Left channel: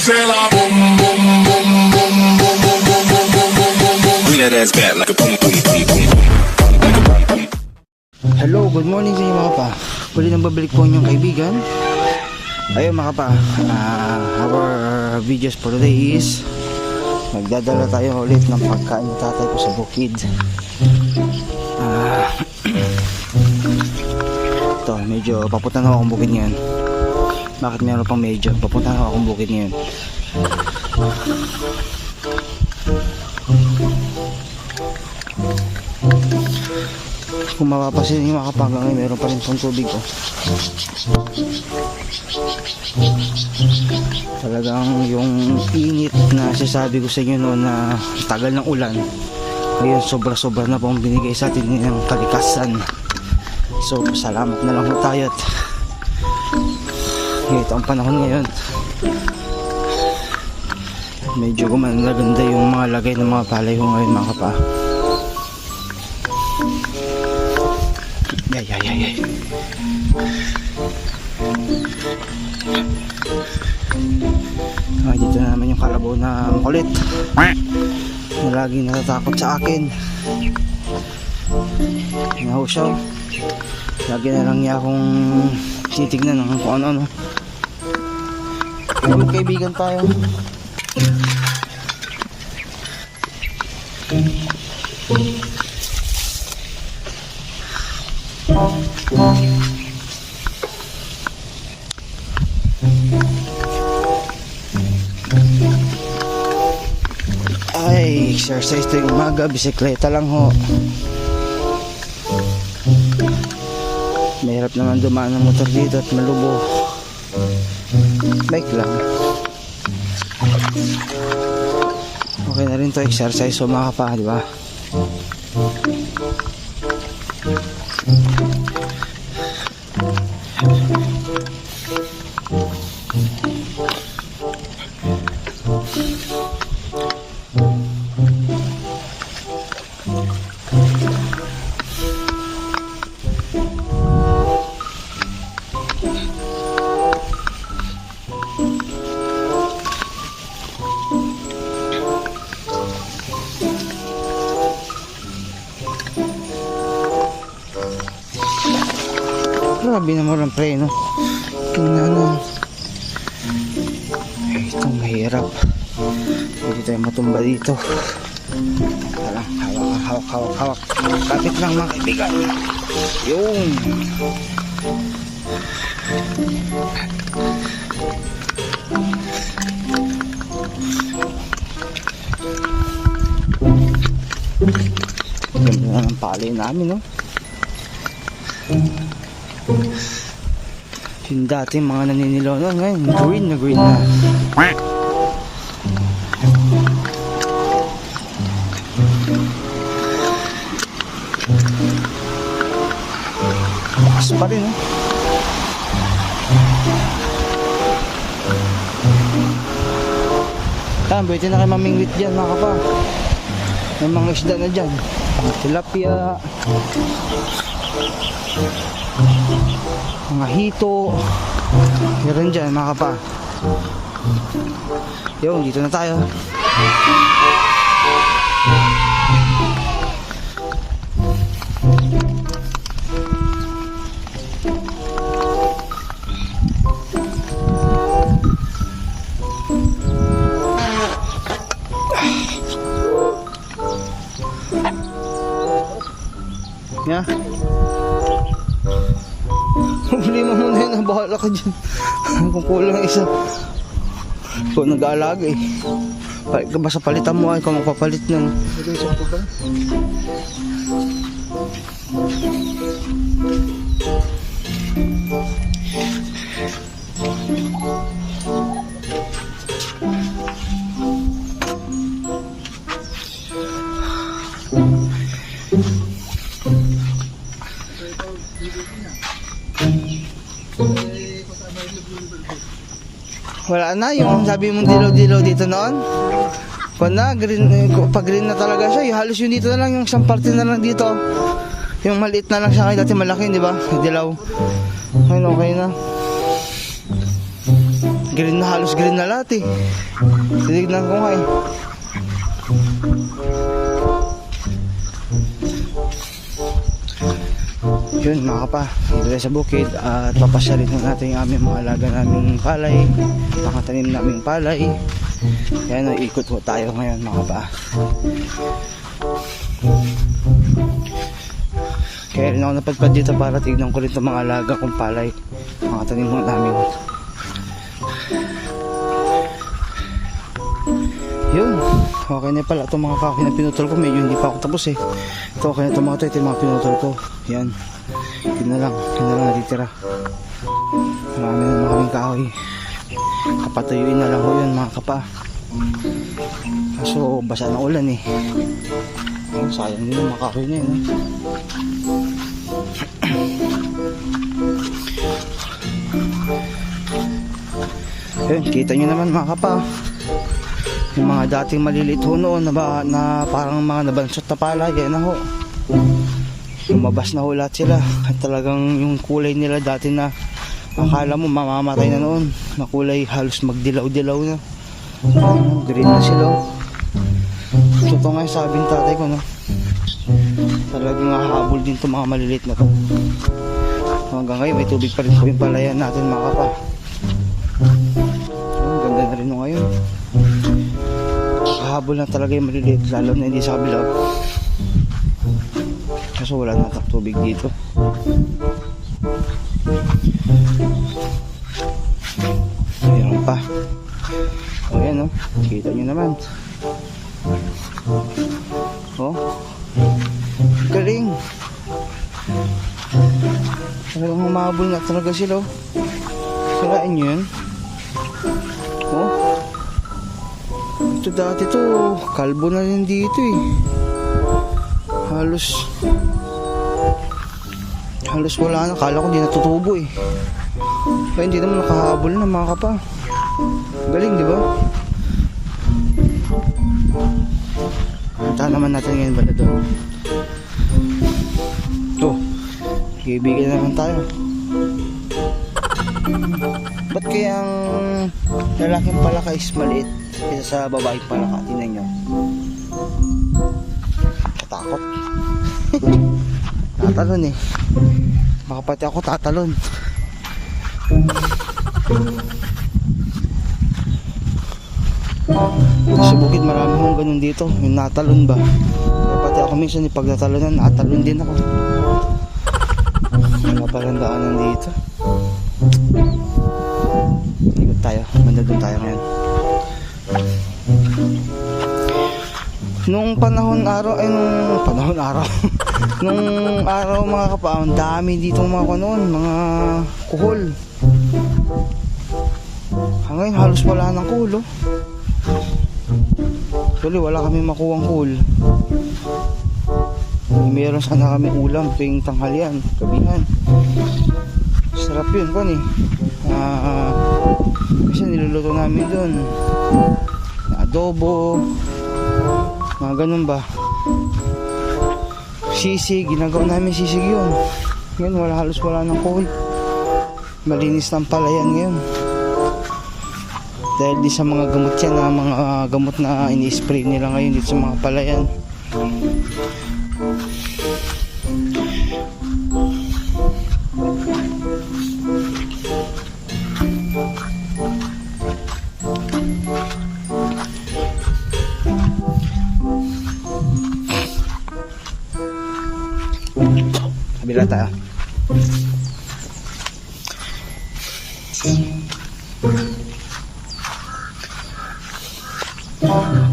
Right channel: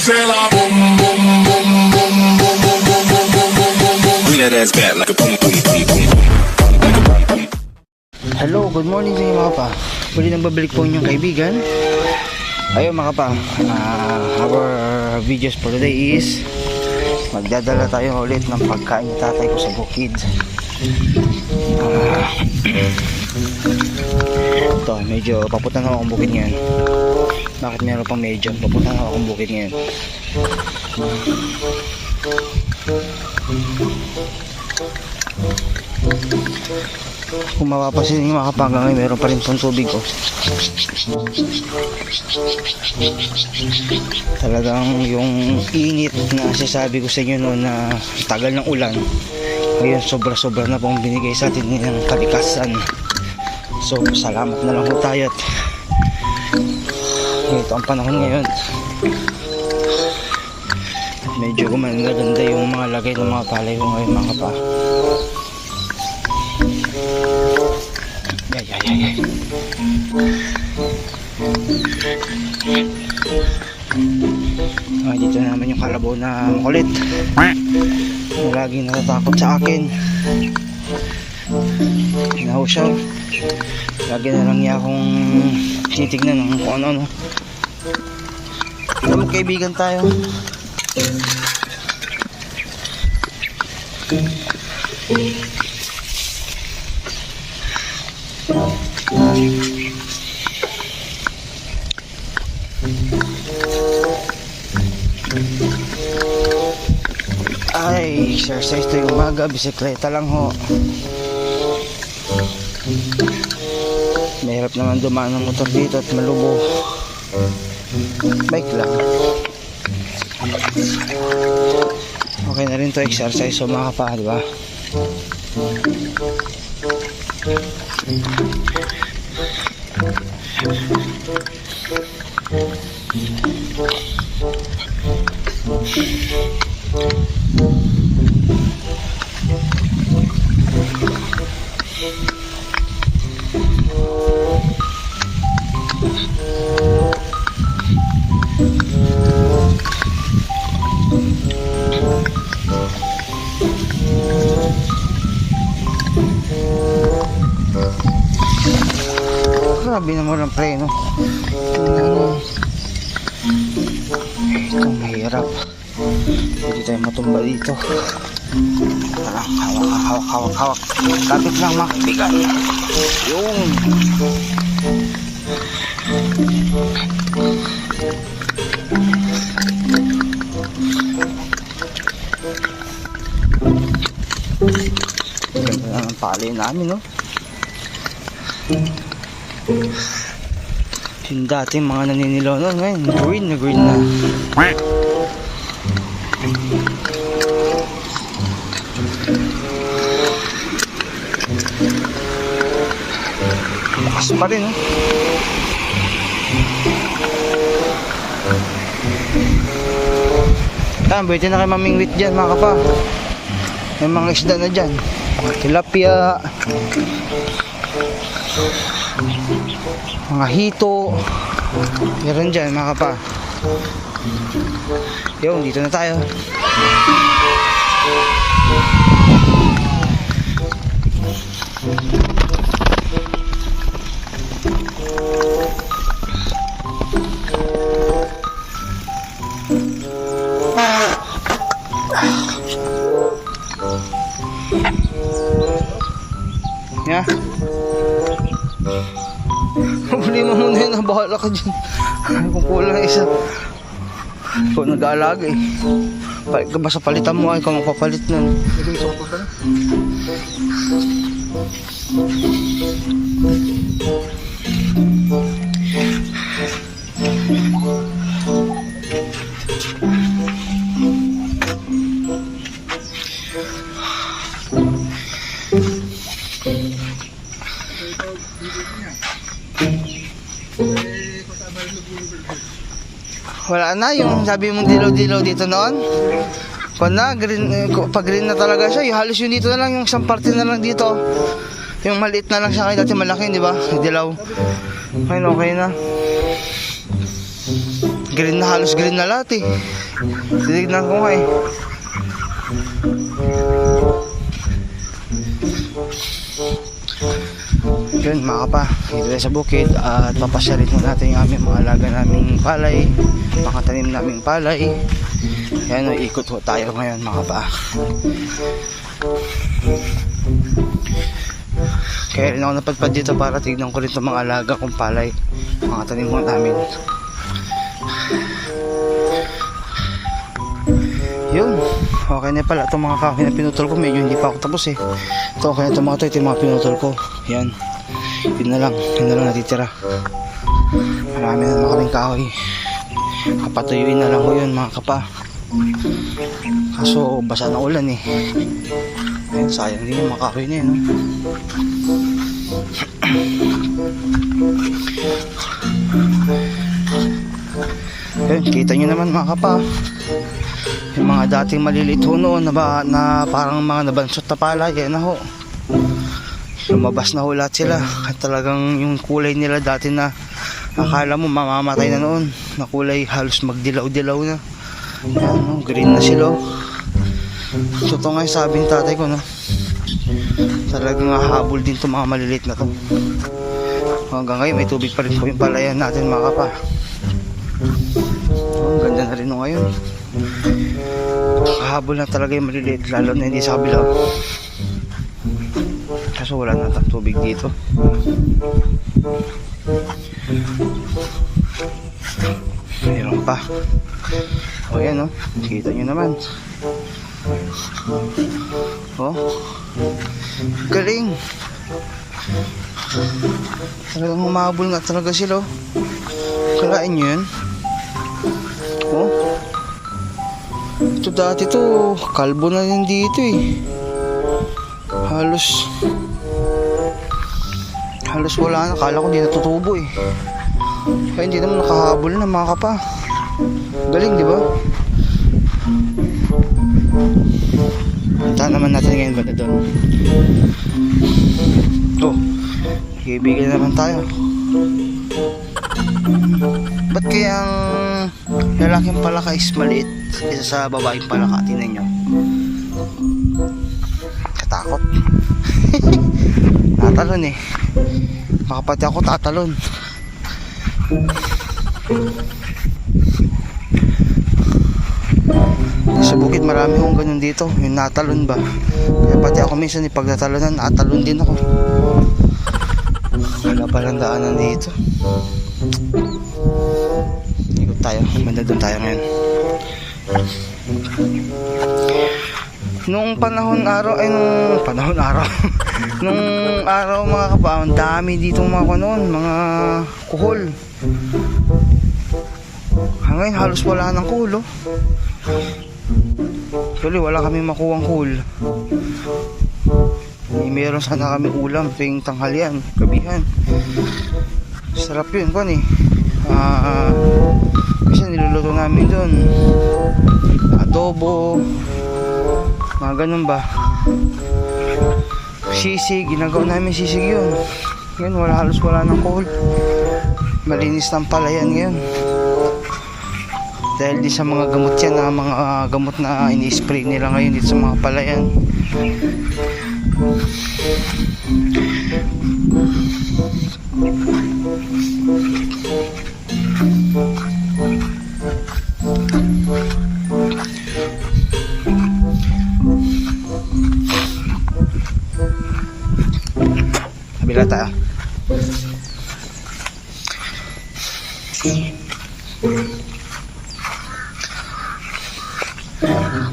say la boom boom boom boom boom boom boom boom boom boom boom boom. Bring that ass back like a boom boom boom boom boom. Like a boom boom. Hello, good morning sa inyo mga pa. Muli nang babalik po inyong kaibigan. Ayun mga pa, our videos for today is magdadala tayo ulit ng pagkain ng tatay ko sa bukid. Ito, medyo papunta na akong bukid ngayon. Bakit meron pang medyo? Papunta na akong bukid ngayon. Kung mapapasin yung mga kapangga ngayon, meron pa rin pang tubig ko. Talagang yung init na sasabi ko sa inyo noon na tagal ng ulan, ngayon sobra-sobra na pong binigay sa atin ng kalikasan. So salamat na lang po tayo at ito ang panahon ngayon at medyo gumanda yung mga lagay ng mga palay ko ngayon mga kapa. Yay. Dito na naman yung kalabaw na makulit na laging natatakot sa akin. Naho siya. Lagi na lang niya akong titignan ng kung ano-ano. Magkaibigan tayo. Ay, exercise to yung umaga, bisikleta lang ho. Mahirap naman dumaan ng motor dito at malubo. Bike lang. Okay na rin to exercise so mga kapa, diba? Grabe naman ang preno. Ito mahirap. Hindi tayo matumba dito. Tara, hawak. Kapit lang mga kaibigan. Yun. Ganda na ang palay namin, no? Yung dati mga naninilaw na ngayon, green na. Lakas pa rin, ha? Pwede na kayo mamingwit dyan mga kapa. May mga isda na dyan, tilapia, mga hito, meron dyan mga kapa. Yun, dito na tayo. Yeah. Huli mo muna yun, bahala ka dyan. Kung kulang isa, ikaw nag-aalaga eh. Basta palitan mo ay ikaw magpapalit nun. Hindi isang ito ba na? Wala na, yung sabi mong dilaw-dilaw dito noon. Kung na, green, pag green na talaga siya, yung halos yun dito na lang, yung isang parte na lang dito. Yung maliit na lang siya kayo, dati malaki, di ba? Dilaw. Ngayon okay na. green na, halos green na lahat eh. Tinignan ko nga eh. Yun mga kapa, dito tayo sa bukid at papasyarin mo natin yung aming mga alaga naming palay, mga tanim naming palay. Ayan o, ikot ho tayo ngayon mga kapa. Kaya rin ako napadpad dito para tignan ko rin itong mga alaga kong palay, mga tanim mo namin. Yun, okay na pala itong mga kahoy na pinutol ko. Medyo hindi pa ako tapos eh. Ito okay na itong mga ito, ito yung mga pinutol ko. Yan, yun na lang natitira. Marami na mga kaming kahoy. Kapatuyuin na lang ko yun mga kapa. Kaso basa na ulan eh. Ayun, sayang din yung mga kahoy na yun, no? Ayun, kita nyo naman mga kapa, yung mga dating maliliit ho noon na parang mga nabansot na palay, yan na ho, lumabas na ho lahat sila. At talagang yung kulay nila dati na akala mo mamamatay na noon, na kulay halos magdilaw-dilaw na. Ano, green na sila. So ito nga yung sabing tatay ko, no? Talagang hahabol din itong mga maliliit na to. Hanggang ngayon may tubig pa rin po yung palayan natin mga kapa. Ang ganda na rin no ngayon. Hahabol na talaga yung maliliit, lalo na hindi sa kabila. Kaso wala na tubig dito. Meron pa. O yan, no? Kita nyo naman. Oh, galing. Talagang humabol na talaga sila. Kalain nyo yan. Oh, ito dati to kalbo na yan dito eh. Halos wala na. Kala ko di natutubo eh. Kaya hindi naman nakahabol na mga kapa. Galing, di ba? Punta naman natin ngayon ba na doon. Oh, kaibigan naman tayo. Ba't kayang lalaking palaka is maliit kaysa sa babaeng palaka? Tingnan nyo. Katakot. Tatalon eh. Makapati ako tatalon. Sa bukid marami kong ganun dito, yung natalon ba. Kaya pati ako minsan pag natalonan, natalon din ako. Wala palang daanan dito. Ikot tayo, mandadun tayo ngayon. Nung panahon araw nung araw mga kapa, ang dami dito mga kanon, mga kuhol. Ngayon halos wala ng kuhol, oh. Actually wala kami makuhang kuhol. Meron sana kami ulam tuwing tanghalian, gabihan. Sarap yun kan eh. Kasi niluluto namin doon adobo, mga ganun ba. Sisig, ginagawa namin sisig yun. Ngayon halos wala ng kuhol. Malinis ng palayan ngayon. Dahil di sa mga gamot yan, mga gamot na ini-spray nila ngayon dito sa mga palayan. Kabila tayo.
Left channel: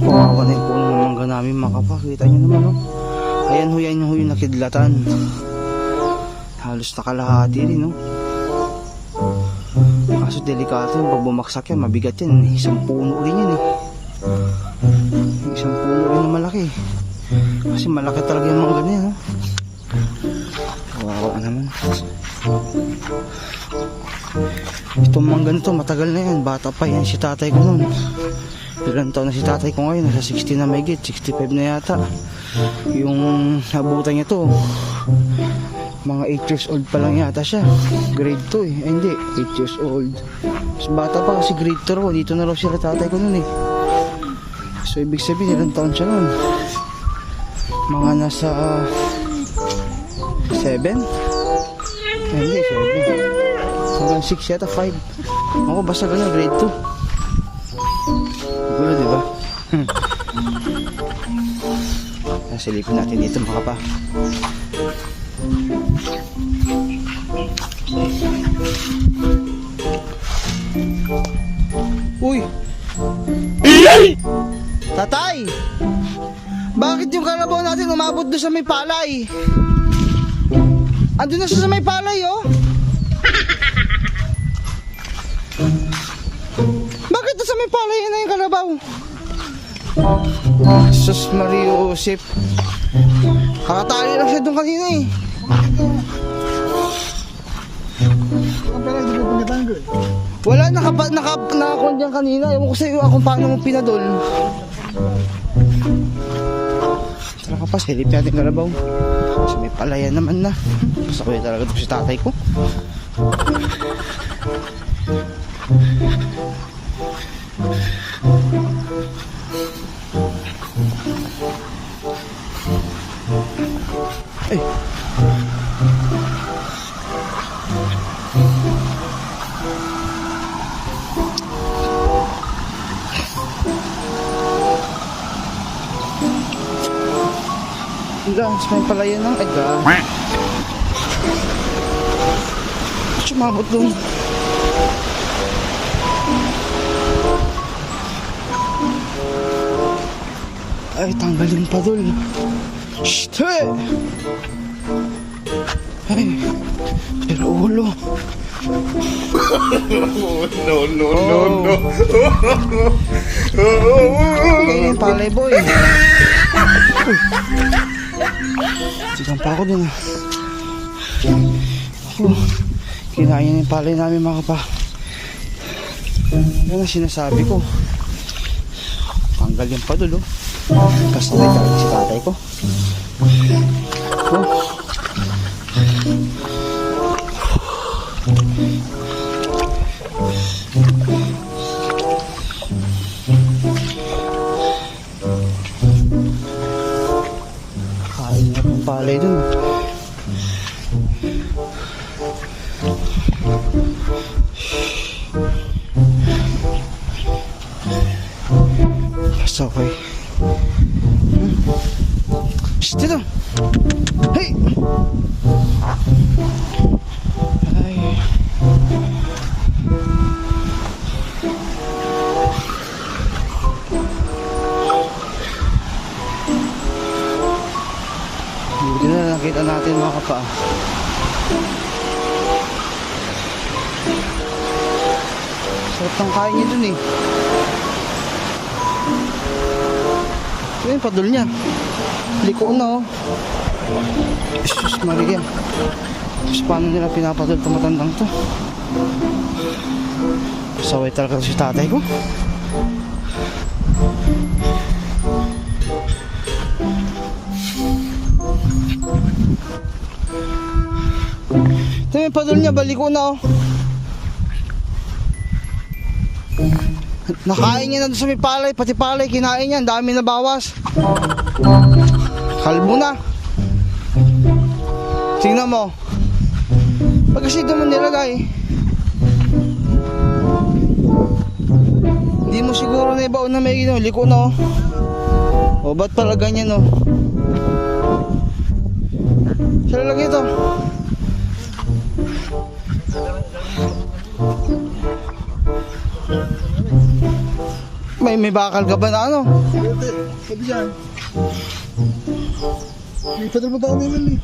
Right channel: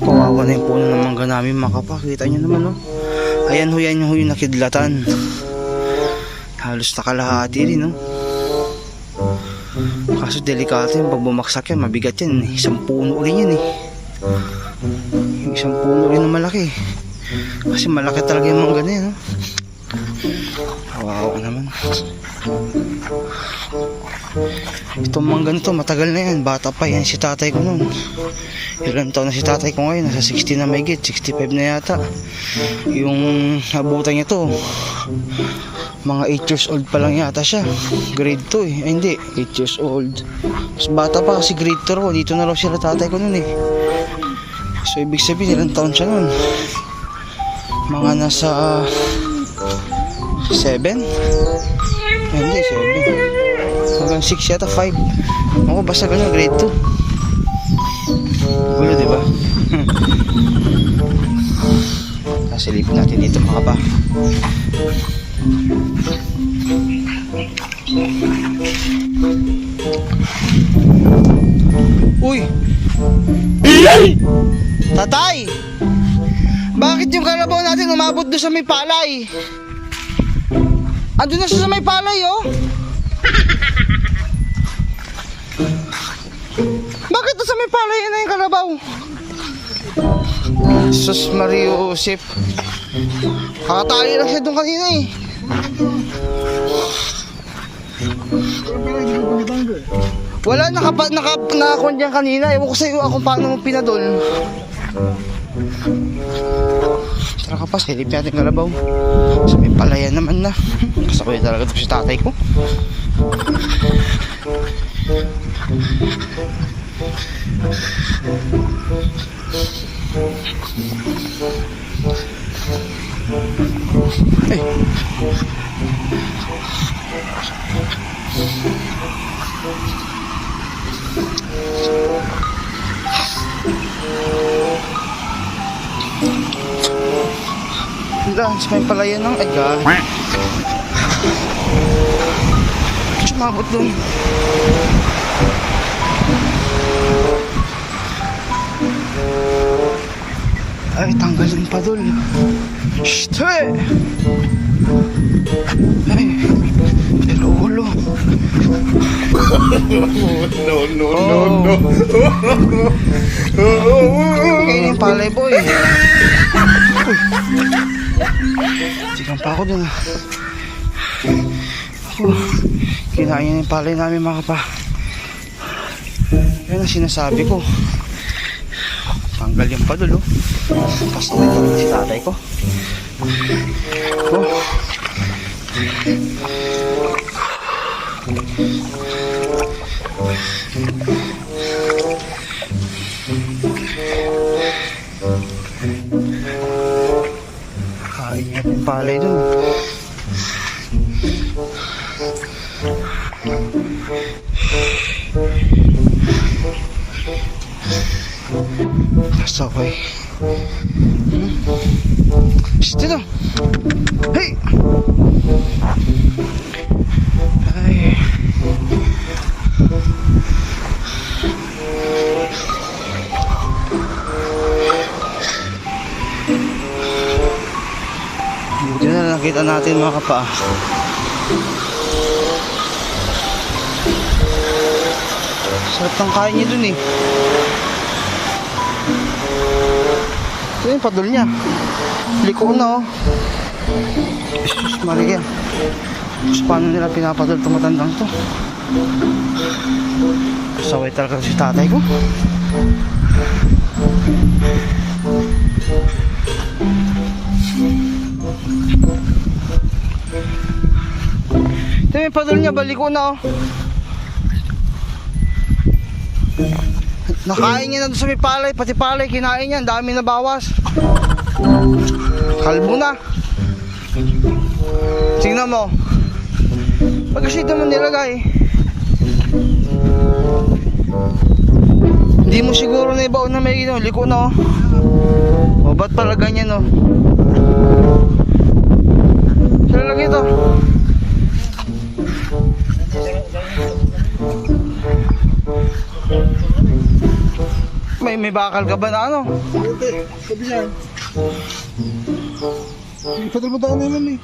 Kawawa na yung puno ng mangga namin mga kapa. Kita nyo naman, no? Ayan ho, yan yung nakidlatan. Halos nakalahati rin, no? Kaso delikato yung pag bumaksak yan, mabigat yan. Isang puno rin yan eh. Yung isang puno rin na malaki. Kasi malaki talaga yung mangga na yan, no? Kawawa naman. Itong mangga nito matagal na yan. Bata pa yan si tatay ko nun. Ilan taon na si tatay ko ngayon? Nasa 60 na may 65 na yata. Yung nabutan niya to, mga 8 years old pa lang yata siya. Grade 2 eh. Ay hindi, 8 years old. Mas bata pa kasi grade 2 raw. Dito na raw sila tatay ko nun eh. So ibig sabihin, ilang taon siya nun? Mga nasa 7? Ay hindi, 7. Hanggang 6 yata, 5. Ako basta ganun, grade 2. Gulo, diba? Silipin natin dito mga pa. Uy! Tatay! Bakit yung kalabaw natin umabot doon sa may palay? Andun na siya sa may palay, oh! Bakit doon sa may palay na yung kalabaw? Sus Mario Joseph. Kakatali lang siya doon kanina eh. Wala, nakakuha dyan kanina. Ewan ko sa'yo kung paano mo pinadol. Tara kapas, kilip natin kalabaw. Sa may palayan naman na. Kasakuya talaga ito si tatay ko. Ay. Hanggang sa may palayan ng aga. Sumabot dun. Ay, tanggalin pa dun. Shhh! Hey! Ay, pero ulo. No. Kaya yung palay boy. Sigang pa ako dun. Kinain niya yung palay namin mga kapa. Yan ang sinasabi ko. Tanggal yung padul, oh. Kasabay talaga si tatay ko. Oh. Kain niya yung palay dun. That's okay. Shh, dito. Hey! Ay. Buti na nakita natin mga kapa. Sarap ng kain niya dun eh. Ito yung padol niya. Liko na oh. Jesus Maria. Tapos paano nila pinapadol itong matandang to? Saway talaga si tatay ko. Ito yung padol niya. Baliko na oh. Nakain niya na doon sa may palay. Pati palay kinain niya. Ang dami na bawas. Kalbo na. Tingnan mo. Pag kasi ito mo nilagay, hindi mo siguro na ibaon na may liko na oh. O ba't pala ganyan oh. Sila lang ito. May bakal ka ba na ano? Sabi yan. Sadal mo tayo naman eh.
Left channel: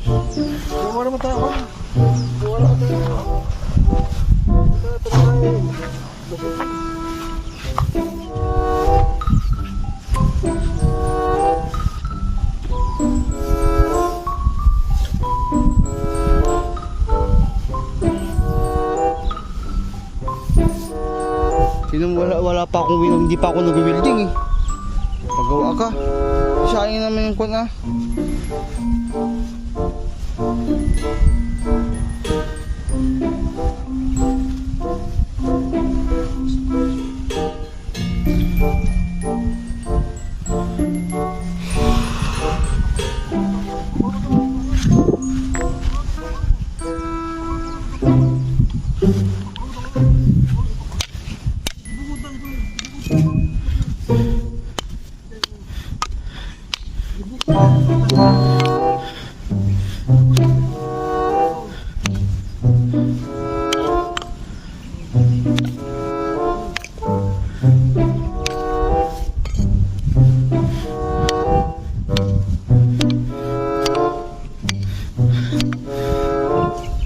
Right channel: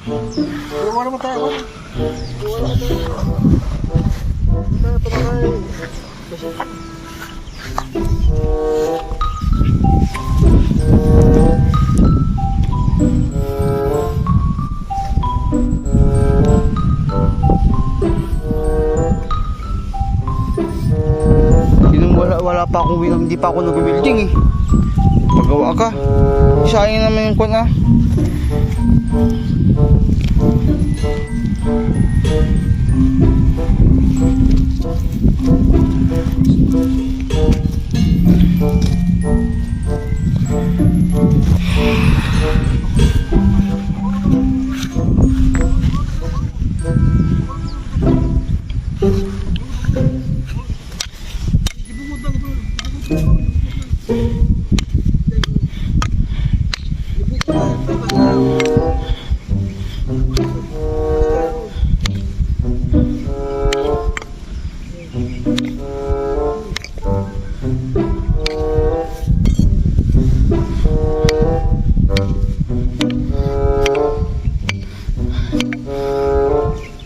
Wala naman tayo. Wala tayo. Wala pa akong hindi pa ako nag-welding eh. Magawa ka. Sayang naman yung kwan ah.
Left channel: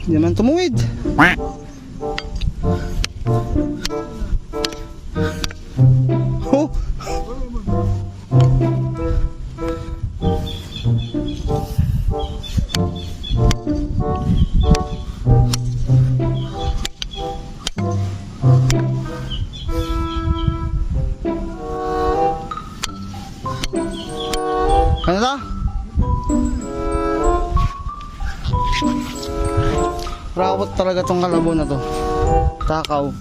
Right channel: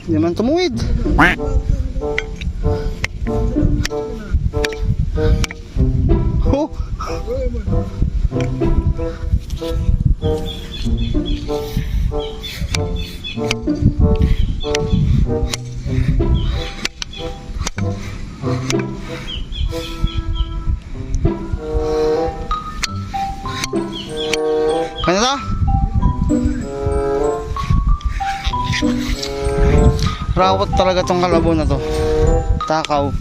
Hindi naman tumuwid. Oh. Kanada? Rawat talaga tong kalabaw na to. Takaw.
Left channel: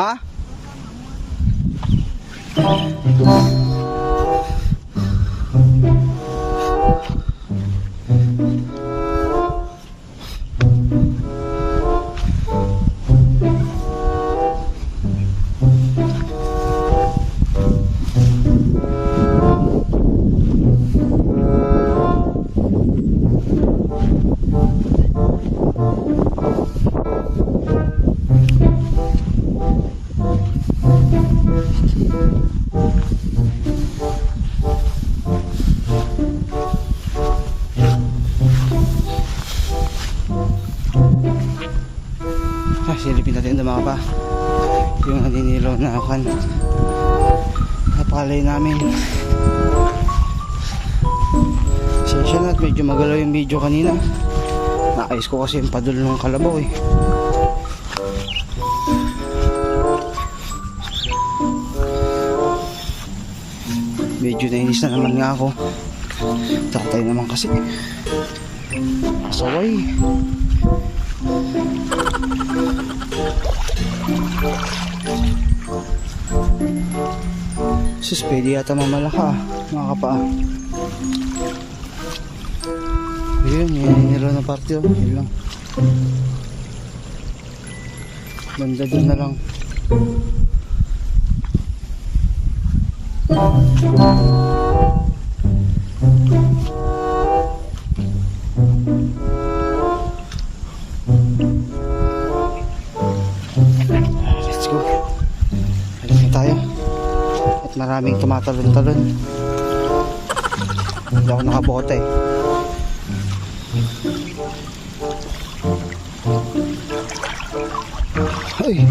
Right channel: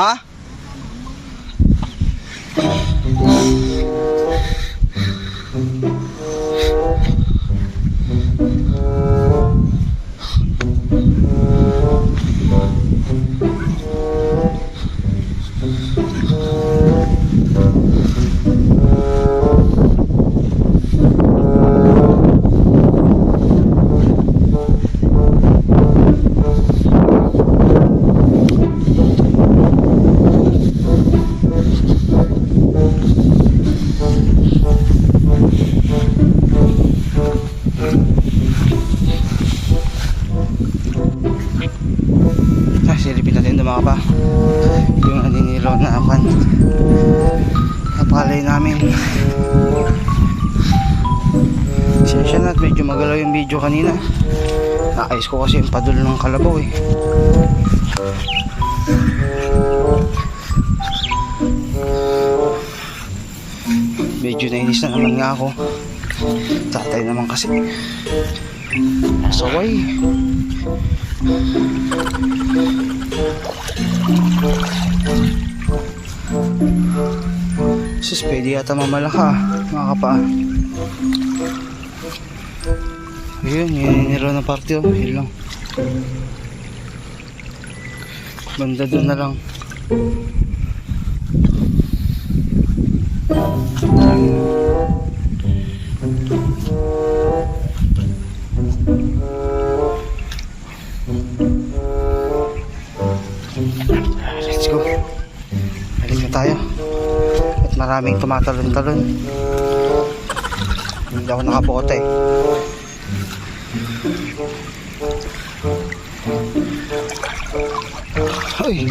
Ha? Silipin natin ito mga pa. Yung aninilaw na akan. Napalay namin. Sensya na at medyo magalaw yung video kanina. Naayos ko kasi yung padul ng kalabaw eh. Medyo nainis na naman nga ako. Tatay naman kasi. Pasaway. Sus, pwede yata mamalaka mga kapa. Ayun, nilo na parte oh. Yun lang. Banda doon na lang. Let's go. Alis na tayo. At maraming tumatalon-talon. Hindi ako nakabote. Ay.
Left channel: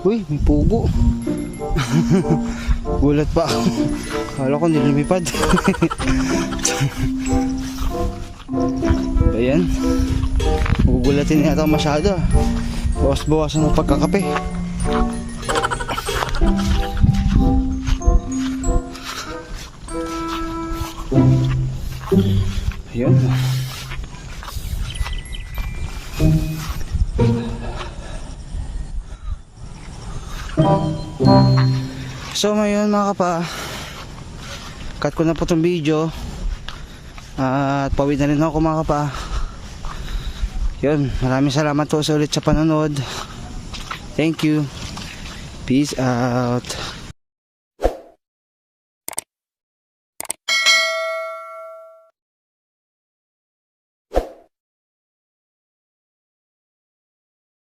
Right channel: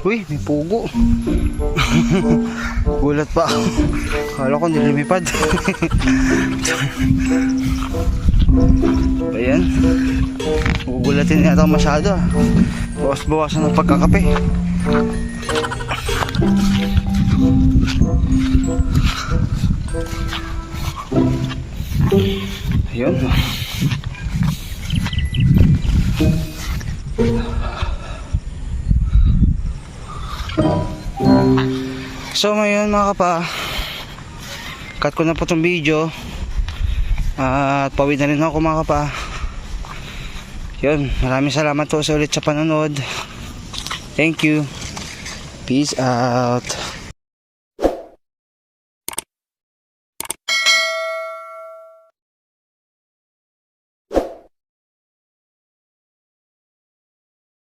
Uy, may pugo. Gulat pa ako. Kala ko nililipad. Ayan. Gugulatin yata masyado. Bawas-bawasan ng pagkakape. Ayan. So ngayon mga kapa, cut ko na po itong video at pawid na rin ako mga kapa. Yun, maraming salamat po sa ulit sa panonood. Thank you. Peace out.